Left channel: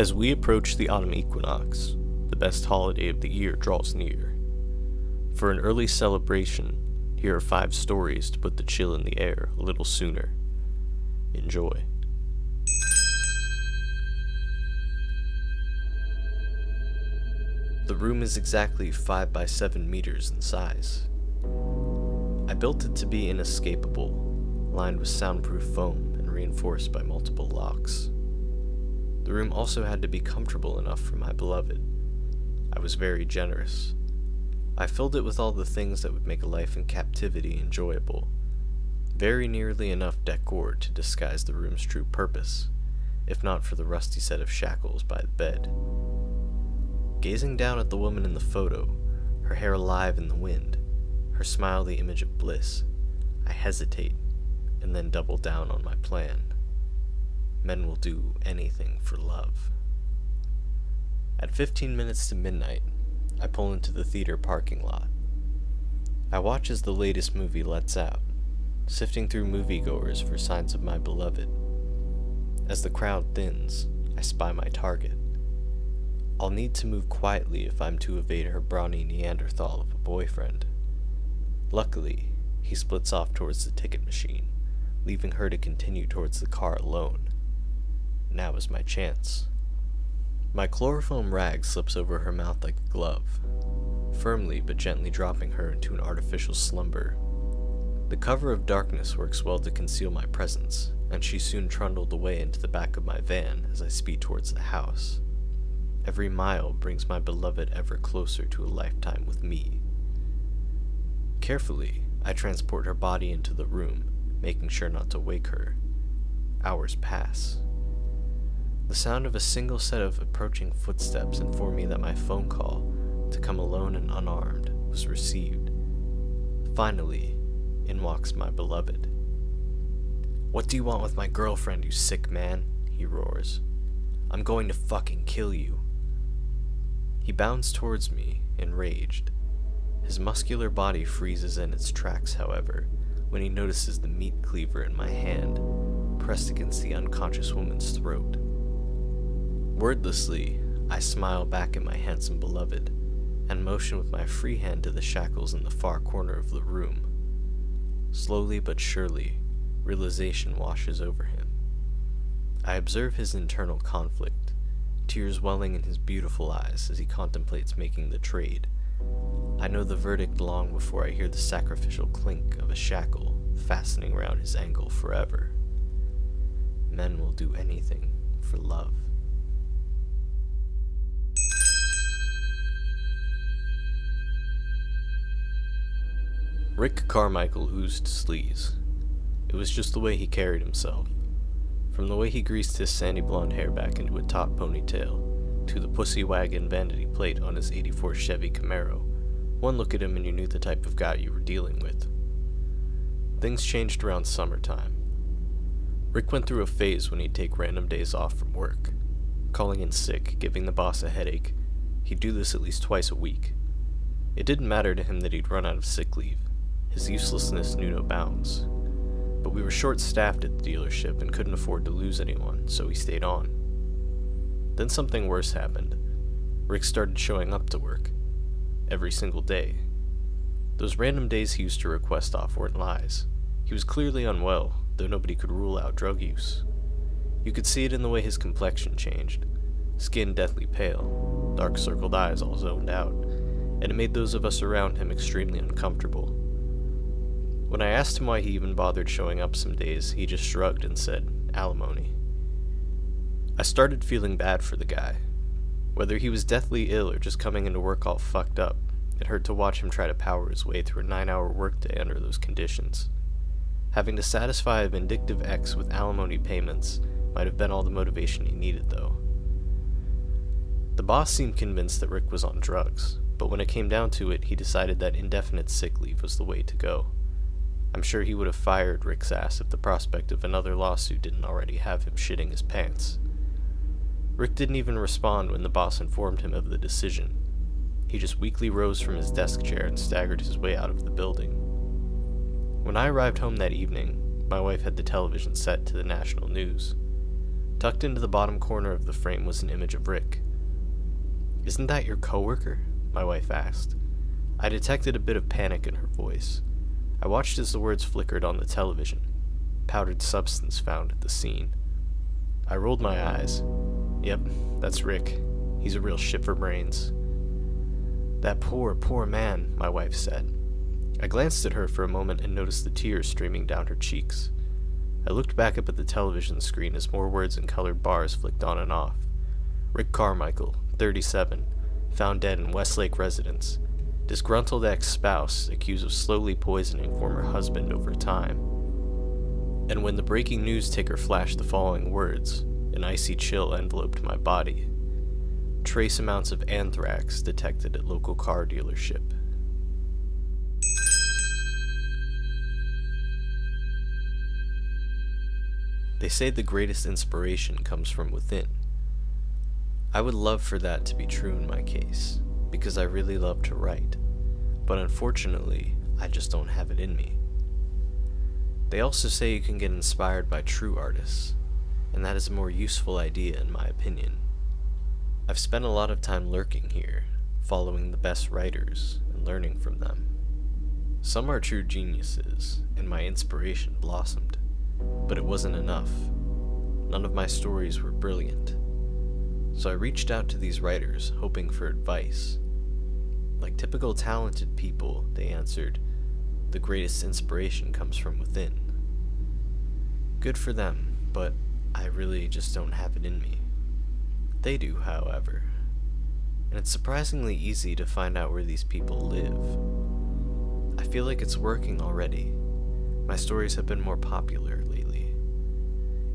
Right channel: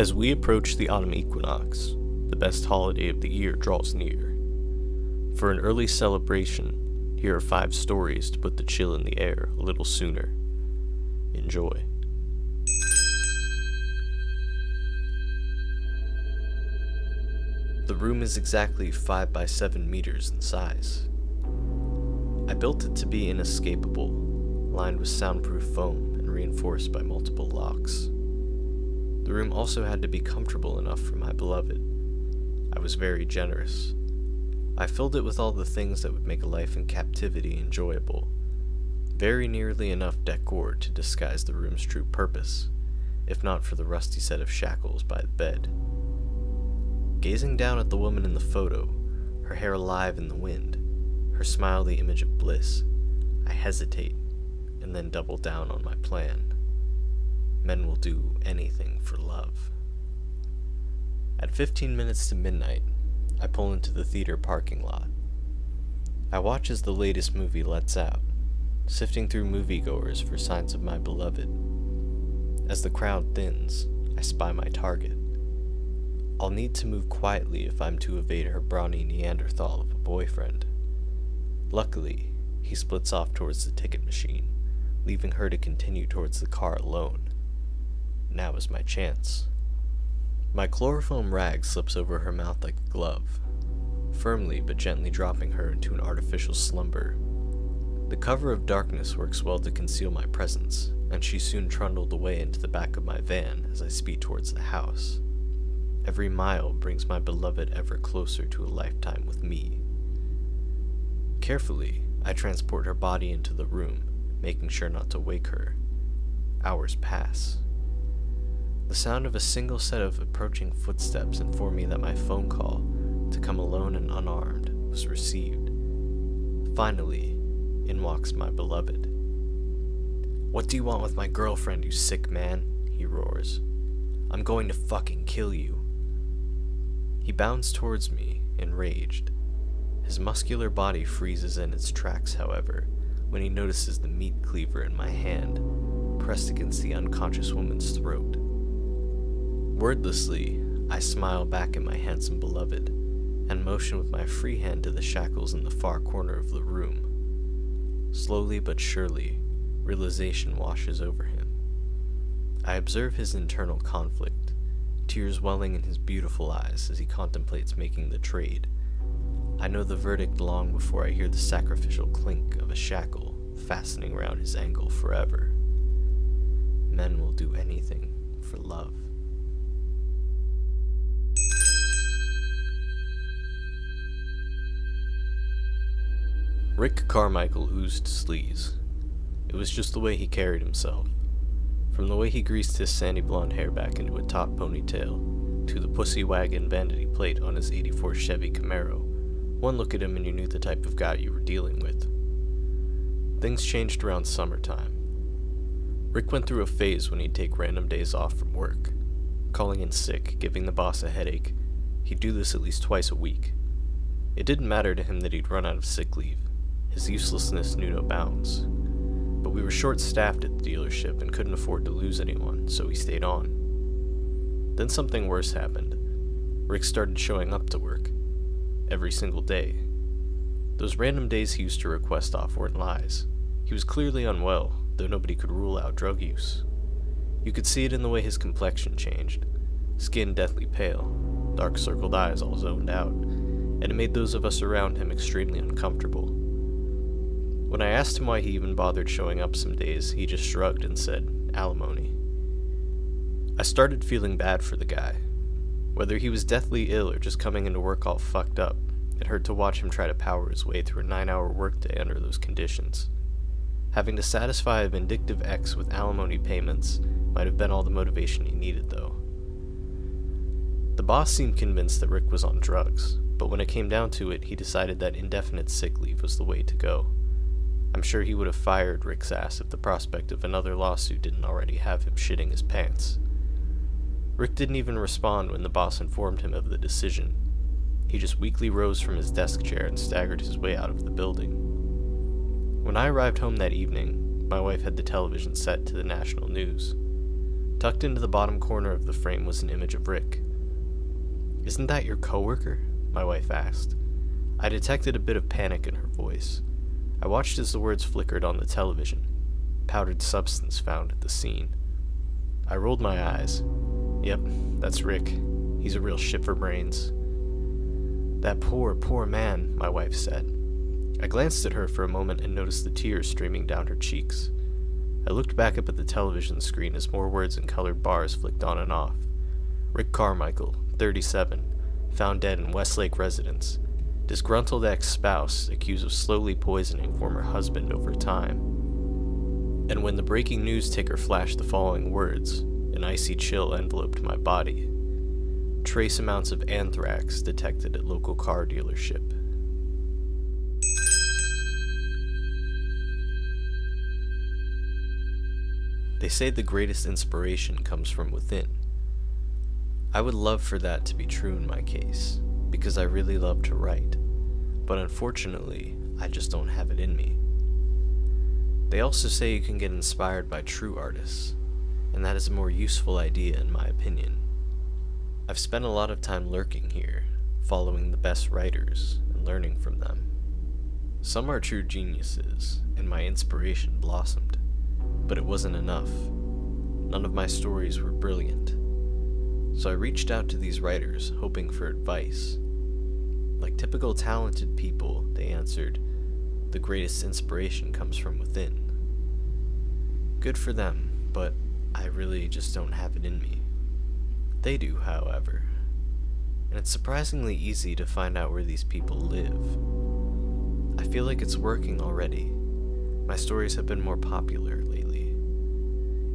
As we approach the autumn equinox, the best holiday of the year draws near. For an early celebration, here are 5 stories to put the chill in the air a little sooner. Enjoy. The room is exactly 5 by 7 meters in size. I built it to be inescapable, lined with soundproof foam and reinforced by multiple locks. The room also had to be comfortable enough for my beloved. I was very generous. I filled it with all the things that would make a life in captivity enjoyable. Very nearly enough decor to disguise the room's true purpose, if not for the rusty set of shackles by the bed. Gazing down at the woman in the photo, her hair alive in the wind, her smile the image of bliss, I hesitate, and then double down on my plan. Men will do anything for love. At 15 minutes to midnight, I pull into the theater parking lot. I watch as the latest movie lets out, sifting through moviegoers for signs of my beloved. As the crowd thins, I spy my target. I'll need to move quietly if I'm to evade her brawny Neanderthal of a boyfriend. Luckily, he splits off towards the ticket machine, leaving her to continue towards the car alone. Now is my chance. My chloroform rag slips over her mouth like a glove, firmly but gently dropping her into an artificial slumber. The cover of darkness works well to conceal my presence, and she soon trundled away into the back of my van as I speed towards the house. Every mile brings my beloved ever closer to a lifetime with me. Carefully, I transport her body into the room, making sure not to wake her. Hours pass. The sound of a single set of approaching footsteps informed me that my phone call, to come alone and unarmed, was received. Finally, in walks my beloved. "What do you want with my girlfriend, you sick man?" he roars. "I'm going to fucking kill you." He bounds towards me, enraged. His muscular body freezes in its tracks, however, when he notices the meat cleaver in my hand, pressed against the unconscious woman's throat. Wordlessly, I smile back at my handsome beloved, and motion with my free hand to the shackles in the far corner of the room. Slowly but surely, realization washes over him. I observe his internal conflict, tears welling in his beautiful eyes as he contemplates making the trade. I know the verdict long before I hear the sacrificial clink of a shackle fastening around his ankle forever. Men will do anything for love. Rick Carmichael oozed sleaze. It was just the way he carried himself. From the way he greased his sandy blonde hair back into a top ponytail, to the pussy wagon vanity plate on his '84 Chevy Camaro, one look at him and you knew the type of guy you were dealing with. Things changed around summertime. Rick went through a phase when he'd take random days off from work, calling in sick, giving the boss a headache. He'd do this at least twice a week. It didn't matter to him that he'd run out of sick leave. His uselessness knew no bounds. But we were short-staffed at the dealership and couldn't afford to lose anyone, so he stayed on. Then something worse happened. Rick started showing up to work. Every single day. Those random days he used to request off weren't lies. He was clearly unwell, though nobody could rule out drug use. You could see it in the way his complexion changed. Skin deathly pale, dark circled eyes all zoned out, and it made those of us around him extremely uncomfortable. When I asked him why he even bothered showing up some days, he just shrugged and said, "Alimony." I started feeling bad for the guy. Whether he was deathly ill or just coming into work all fucked up, it hurt to watch him try to power his way through a 9-hour workday under those conditions. Having to satisfy a vindictive ex with alimony payments might have been all the motivation he needed, though. The boss seemed convinced that Rick was on drugs, but when it came down to it, he decided that indefinite sick leave was the way to go. I'm sure he would have fired Rick's ass if the prospect of another lawsuit didn't already have him shitting his pants. Rick didn't even respond when the boss informed him of the decision. He just weakly rose from his desk chair and staggered his way out of the building. When I arrived home that evening, my wife had the television set to the national news. Tucked into the bottom corner of the frame was an image of Rick. "Isn't that your coworker?" my wife asked. I detected a bit of panic in her voice. I watched as the words flickered on the television. "Powdered substance found at the scene." I rolled my eyes. "Yep, that's Rick. He's a real shit for brains." "That poor, poor man," my wife said. I glanced at her for a moment and noticed the tears streaming down her cheeks. I looked back up at the television screen as more words and colored bars flicked on and off. "Rick Carmichael, 37, found dead in Westlake residence. Disgruntled ex-spouse accused of slowly poisoning former husband over time." And when the breaking news ticker flashed the following words, an icy chill enveloped my body. "Trace amounts of anthrax detected at local car dealership." They say the greatest inspiration comes from within. I would love for that to be true in my case, because I really love to write, but unfortunately, I just don't have it in me. They also say you can get inspired by true artists, and that is a more useful idea in my opinion. I've spent a lot of time lurking here, following the best writers and learning from them. Some are true geniuses, and my inspiration blossomed. But it wasn't enough. None of my stories were brilliant. So I reached out to these writers, hoping for advice. Like typical talented people, they answered, "The greatest inspiration comes from within." Good for them, but I really just don't have it in me. They do, however. And it's surprisingly easy to find out where these people live. I feel like it's working already. My stories have been more popular lately.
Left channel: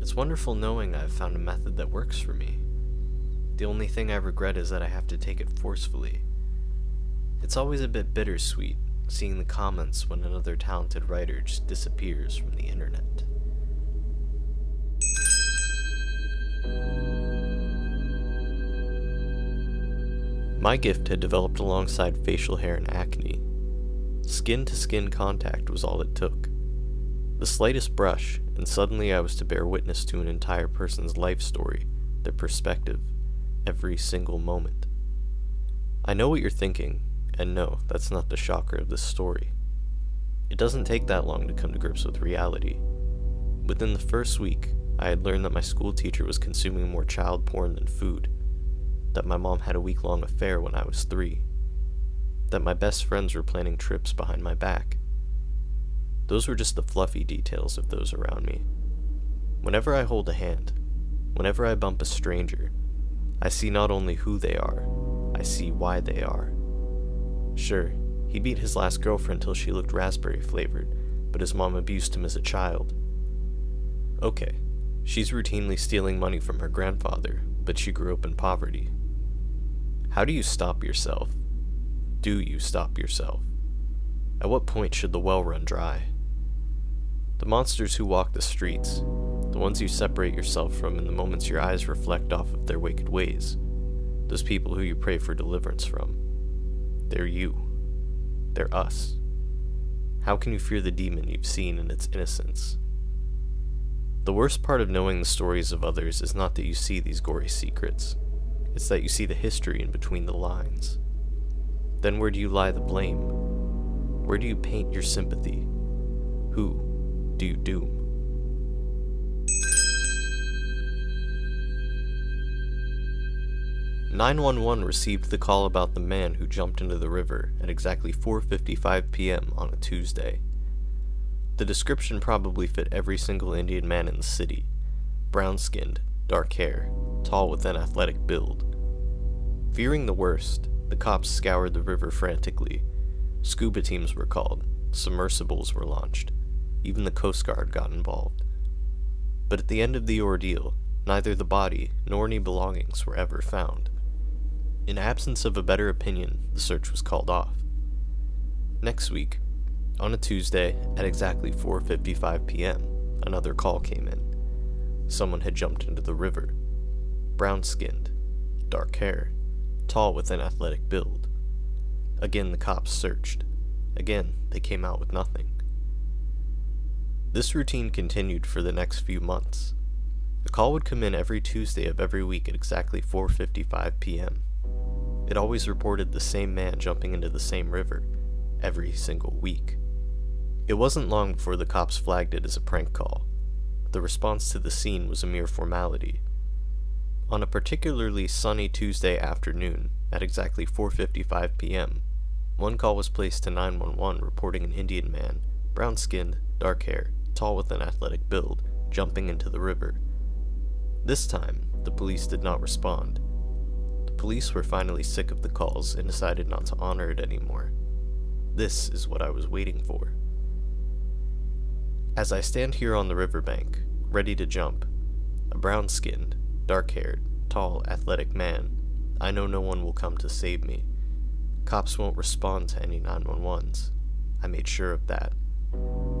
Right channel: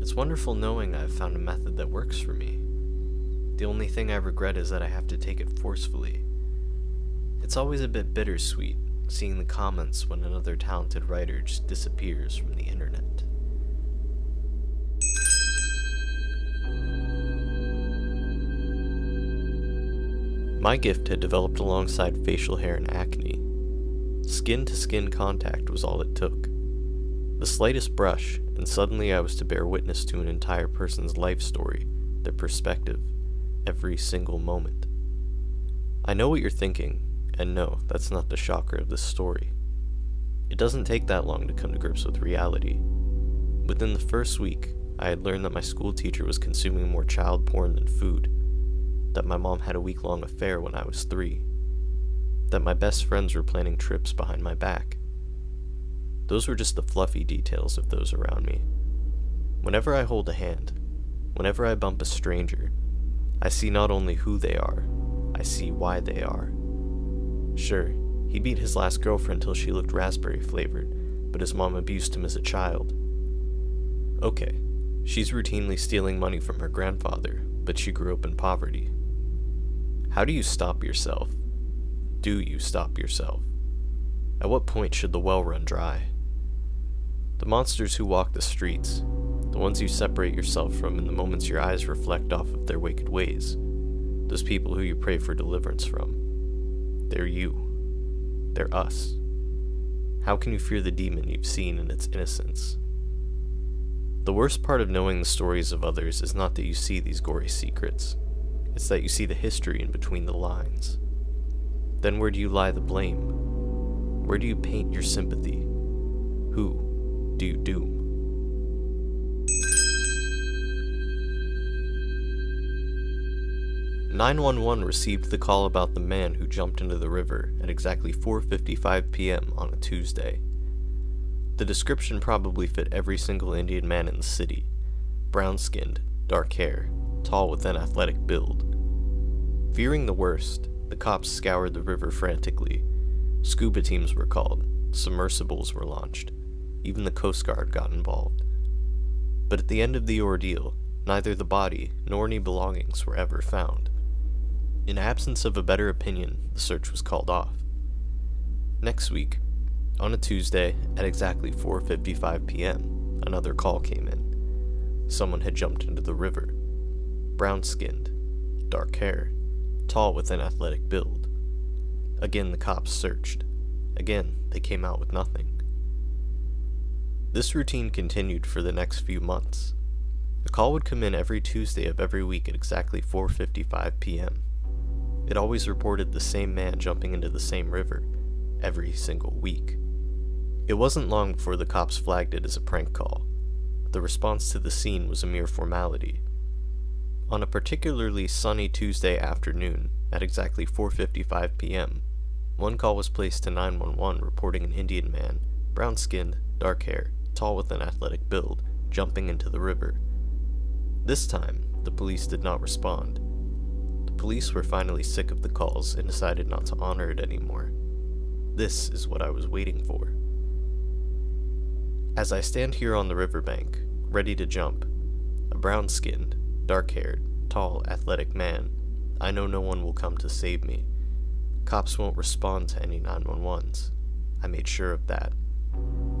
It's wonderful knowing I've found a method that works for me. The only thing I regret is that I have to take it forcefully. It's always a bit bittersweet seeing the comments when another talented writer just disappears from the internet. My gift had developed alongside facial hair and acne. Skin-to-skin contact was all it took. The slightest brush, and suddenly I was to bear witness to an entire person's life story, their perspective, every single moment. I know what you're thinking, and no, that's not the shocker of this story. It doesn't take that long to come to grips with reality. Within the first week, I had learned that my school teacher was consuming more child porn than food, that my mom had a week-long affair when I was 3, that my best friends were planning trips behind my back. Those were just the fluffy details of those around me. Whenever I hold a hand, whenever I bump a stranger, I see not only who they are, I see why they are. Sure, he beat his last girlfriend till she looked raspberry flavored, but his mom abused him as a child. Okay, she's routinely stealing money from her grandfather, but she grew up in poverty. How do you stop yourself? Do you stop yourself? At what point should the well run dry? The monsters who walk the streets, the ones you separate yourself from in the moments your eyes reflect off of their wicked ways, those people who you pray for deliverance from, they're you. They're us. How can you fear the demon you've seen in its innocence? The worst part of knowing the stories of others is not that you see these gory secrets, it's that you see the history in between the lines. Then where do you lie the blame? Where do you paint your sympathy? Who do you doom? "911 received the call about the man who jumped into the river at exactly 4:55 p.m. on a Tuesday. The description probably fit every single Indian man in the city. Brown-skinned, dark hair, tall with an athletic build. Fearing the worst, the cops scoured the river frantically. Scuba teams were called, submersibles were launched, even the Coast Guard got involved. But at the end of the ordeal, neither the body nor any belongings were ever found. In absence of a better opinion, the search was called off. Next week, on a Tuesday at exactly 4:55 p.m., another call came in. Someone had jumped into the river. Brown-skinned, dark hair, tall with an athletic build. Again the cops searched. Again they came out with nothing. This routine continued for the next few months. A call would come in every Tuesday of every week at exactly 4:55 p.m. It always reported the same man jumping into the same river, every single week. It wasn't long before the cops flagged it as a prank call. The response to the scene was a mere formality. On a particularly sunny Tuesday afternoon, at exactly 4:55 p.m., one call was placed to 911 reporting an Indian man, brown-skinned, dark hair, tall with an athletic build, jumping into the river. This time, the police did not respond. The police were finally sick of the calls and decided not to honor it anymore. This is what I was waiting for. As I stand here on the riverbank, ready to jump, a brown-skinned, dark-haired, tall, athletic man, I know no one will come to save me. Cops won't respond to any 911s. I made sure of that.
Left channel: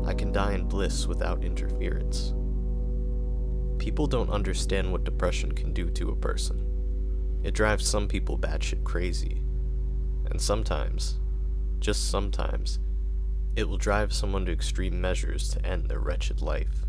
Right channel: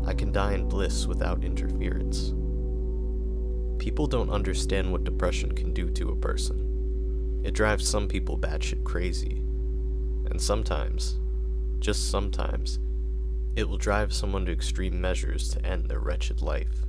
I can die in bliss without interference. People don't understand what depression can do to a person. It drives some people batshit crazy. And sometimes, just sometimes, it will drive someone to extreme measures to end their wretched life.